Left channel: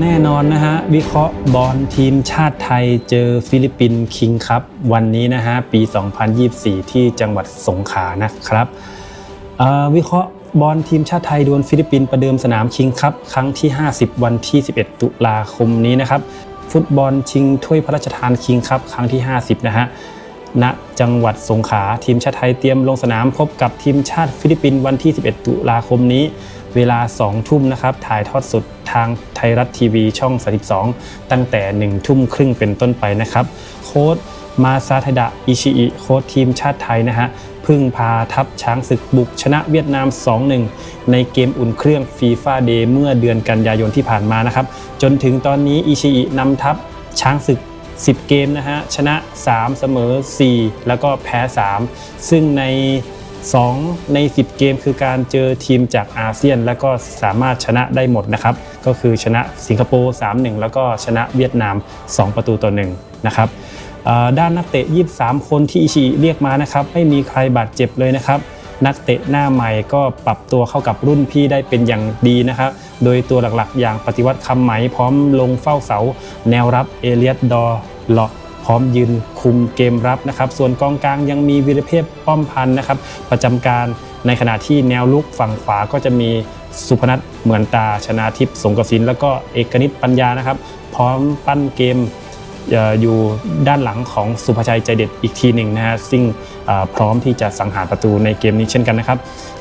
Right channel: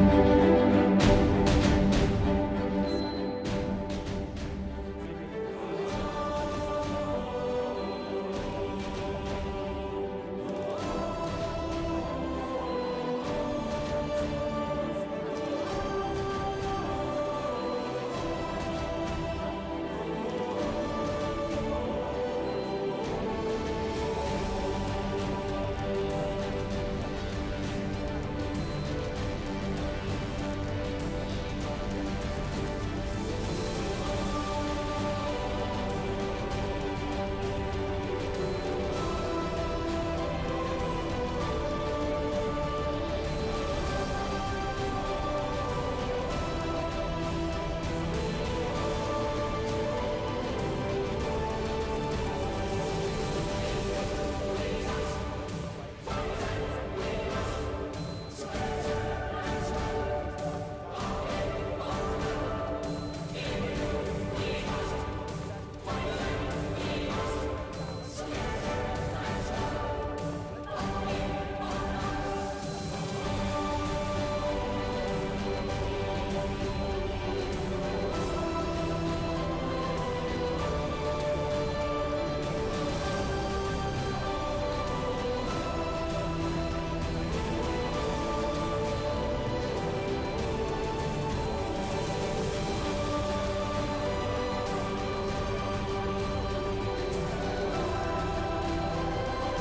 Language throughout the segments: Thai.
แน่นอนนะฮะ วิเคราะห์บอลทีมชาติไทยเจอฟิลิปปินส์คิงครับวันนี้นะฮะ ปี 2024 ที่จังหวัดสงขลานะครับวิเคราะห์บอลทีมชาติไทยดวลฟิลิปปินส์ประเดิมสนามคิงครับครั้งที่ 50 วันที่ 11 ตุลาคมนี้นะครับ ฟุตบอลชิงถ้วยพระราชทานคิงครับครั้งที่ 50 นะฮะ ณจังหวัดสงขลาทีมชาติไทยเตรียมลงสนามพบกับทีมชาติฟิลิปปินส์วันที่ 11 ตุลาคมนี้ เวลา 2 ทุ่มนะครับถ่ายทอดสดทางไทยรัฐทีวีช่อง 32 ตั้งแต่ 1 ทุ่มครึ่งเป็นต้นไปนะครับ โค้ดมาซาเทดะอิชิอิโค้ดทีมชาติไทยนะฮะพึ่งพาทัพช้างศึกบุกชนะเวียดนาม 2-1 ในเกมอุ่นเครื่องฟีฟ่าเดย์เมื่อเดือนกันยายนที่ผ่านมานะครับ จนถึงตอนนี้อิชิอินำทัพช้างศึก 10 เกมนะฮะชนะ 3 เสมอ 4 แล้วก็แพ้ 3 ซึ่งใน 2 ใน 10 เกมคือการเจอทีมจากอาเซียน แล้วก็สามารถชนะได้หมดนะครับ ก็คือชนะสิงคโปร์ 3-1 แล้วก็ชนะเวียดนาม 2 ประตูต่อ1นะครับด้านนักเตะ 23 คนที่อิชิเรียกมานะครับไม่มีใครบาดเจ็บเลยนะครับ นักเตะหน้าใหม่ก็ปรับตัวเข้ากับรุ่นพี่ได้เป็นอย่างดีนะครับ โดยตัวหลักๆ อย่างปฏิวัติคำไหมพร้อมลงเฝ้าเสา แนวรับเอเลียตดอเลาะพร้อมยืนคุมเกมรับนะครับ ส่วนกองกลางยังมีวิรเพศป้อมพันธ์นะครับ ประจำการในขณะที่แนวลุกฝั่งขวาก็จะมีสุพนัทเหมือนตาชนาทิพย์สงกระสินแล้วก็เอกนิตปัญญานะครับ พร้อมปั้นเกมอยู่ด้านหลังของสุภชัยใจเด็ดอีกทีหนึ่งนะฮะซึ่ง พร้อมที่จะสังหารประตูในเกมนี้เช่นกันนะครับ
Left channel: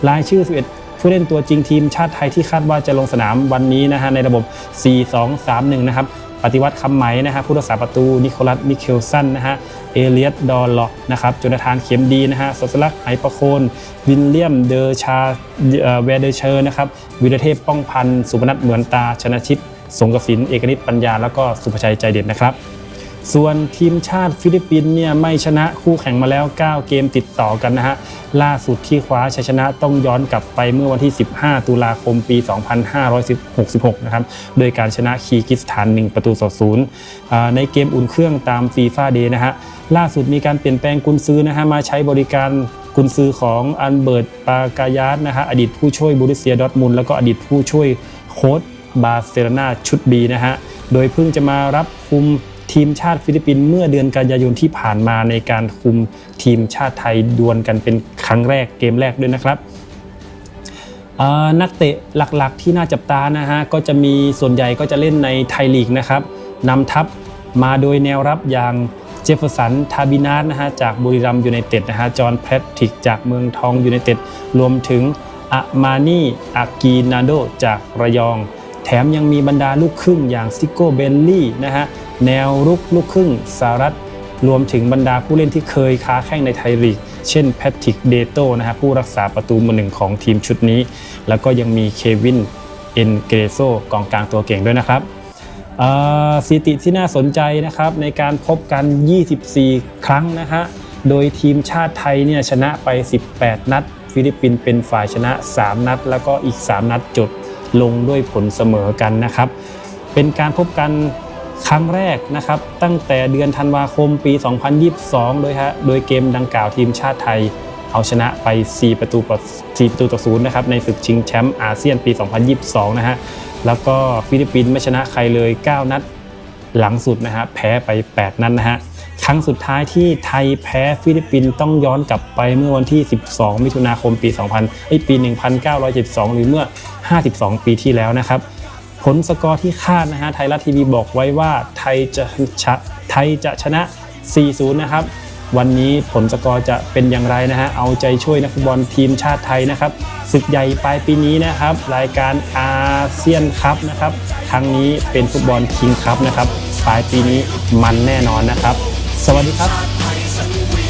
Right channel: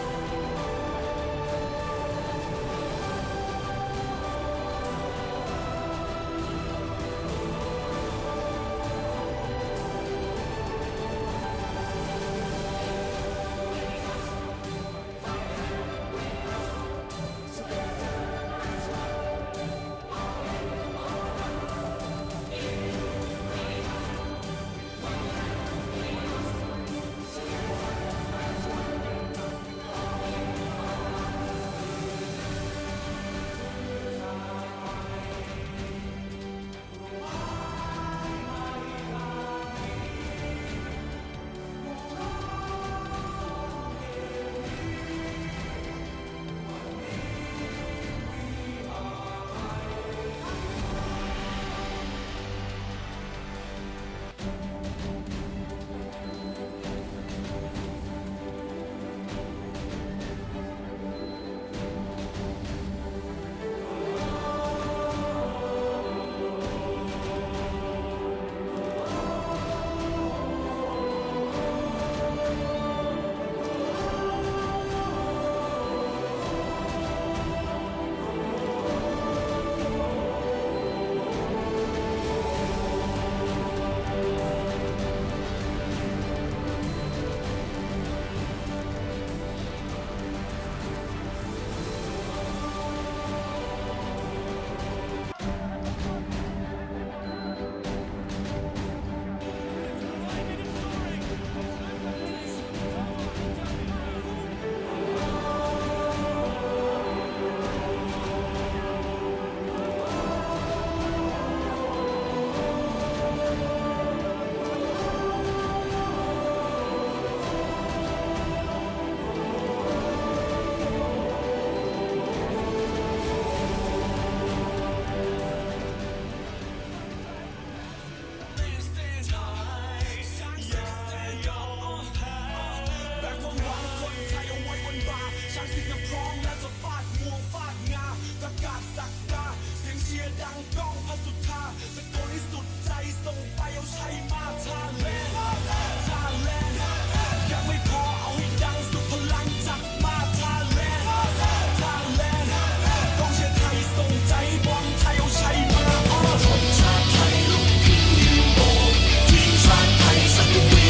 รายชื่อ 11 ผู้เล่นตัวจริงทีมชาติไทยที่คาดว่าจะลงสนามวันนี้นะฮะในระบบ 4-2-3-1 นะครับปฏิวัติคำไหมนะฮะผู้รักษาประตูนิโคลัสมิเคลสันนะฮะเอเลียตดอลล็อกนะครับจุนทานเข็มดีนะฮะสดสลักไหประโคนวิลเลียมเดอชาเวเดเชอร์นะครับวิรเทพป้องพันธ์สุพนัทเหมือนตาชนะชิตสงกสินเอกนิตปัญญา แล้วก็สุภชัยใจเด็ดนะครับ ส่วนทีมชาติฟิลิปปินส์เนี่ยไม่ชนะคู่แข่งมาแล้ว 9 เกมติดต่อกันนะฮะ ล่าสุดที่คว้าชัยชนะต้องย้อนกลับไปเมื่อวันที่ 15 ตุลาคมปี 2566 นะครับ โดยการชนะคีกิสถาน 1 ประตูต่อศูนย์ในเกมอุ่นเครื่องตามฟีฟ่าเดย์นะฮะ ล่าสุดมีการเปลี่ยนแปลงกุนซือนะฮะมาใช้บริการกุนซือของอันเบิร์ตปากายาสนะฮะอดีตผู้ช่วยบูริเซียดอทมุนด์แล้วก็อดีตผู้ช่วยโค้ชบาร์เซโลนาชุดบีนะฮะ โดยเพิ่งจะมารับคุม ทีมชาติฟิลิปปินส์เมื่อเดือนกันยายนที่ผ่านมาในการคุมทีมชาติไทยดวลกันเป็นครั้งแรกเกมแรกด้วยนะครับนักเตะหลักๆที่น่าจับตานะฮะก็จะมีส่วนใหญ่ก็จะเล่นในไทยลีกนะครับนำทัพมาโดยแนวรับอย่างเจฟเฟอร์สัน ทาบินาสนะฮะจากบุรีรัมยูไนเต็ดนะฮะ จอห์นแพทริกจากเมืองทองยูไนเต็ด รวมถึงอามานีอากีนาโดจากระยอง แถมยังมีบรรดาลูกครึ่งอย่างซิโก้เบนลี่นะฮะ แนวรุกลูกครึ่งสหรัฐ รวมถึงบรรดาผู้เล่นที่เคยค้าแข่งในไทยลีก เช่นแพทริกเดโตนะฮะผู้รักษาประตูมือหนึ่งของทีมชุดนี้ แล้วก็ยังมีเควินเอ็นเกรโซกองกลางตัวเก่งด้วยนะครับสถิติที่น่าสนใจนะครับในการพบกัน 24 ครั้งนะฮะโดยทีมชาติไทยเนี่ยชนะไป 18 นัด ฟิลิปปินส์เป็นฝ่ายชนะ 3 นัด แล้วก็อีก 3 นัดจบลงด้วยผลเสมอกันนะครับ เป็นการพบกัน ครั้งแรกนะครับ ตั้งแต่เดือนธันวาคมปี 2022โดยฮะ โดยเกมดังกล่าวทีมชาติไทย เอาชนะไป 4 ประตูต่อ4ประตูต่อศูนย์นะครับ ในศึกชิงแชมป์อาเซียนปี 2022 นะฮะ แล้วก็ฟิลิปปินส์ไม่ชนะใครเลย 9 นัดหลังสุดนะฮะ แพ้ไป 8 นัดนะฮะ ครั้งสุดท้ายที่ไทยแพ้ฟิลิปปินส์ต้องย้อนกลับไปเมื่อวันที่ 12 มิถุนาคมปี 2000ไอปี 1972 หรือเมื่อ 52 ปีที่แล้วนะครับ ผลสกอร์ที่คาดนะฮะไทยรัฐทีวีบอกไว้ว่าไทยจะชะไทยจะชนะ 4-0 นะครับ วันนี้ผลสกอร์จะเป็นอย่างไรนะฮะเอาใจช่วยนักฟุตบอลทีมชาติไทยนะครับศึกใหญ่ปลายปีนี้นะครับ รายการอาเซียนคัพนะครับครั้งนี้เป็นฟุตบอลคิงคัพนะครับปลายปีนี้มันแน่นอนนะครับ สวัสดีครับ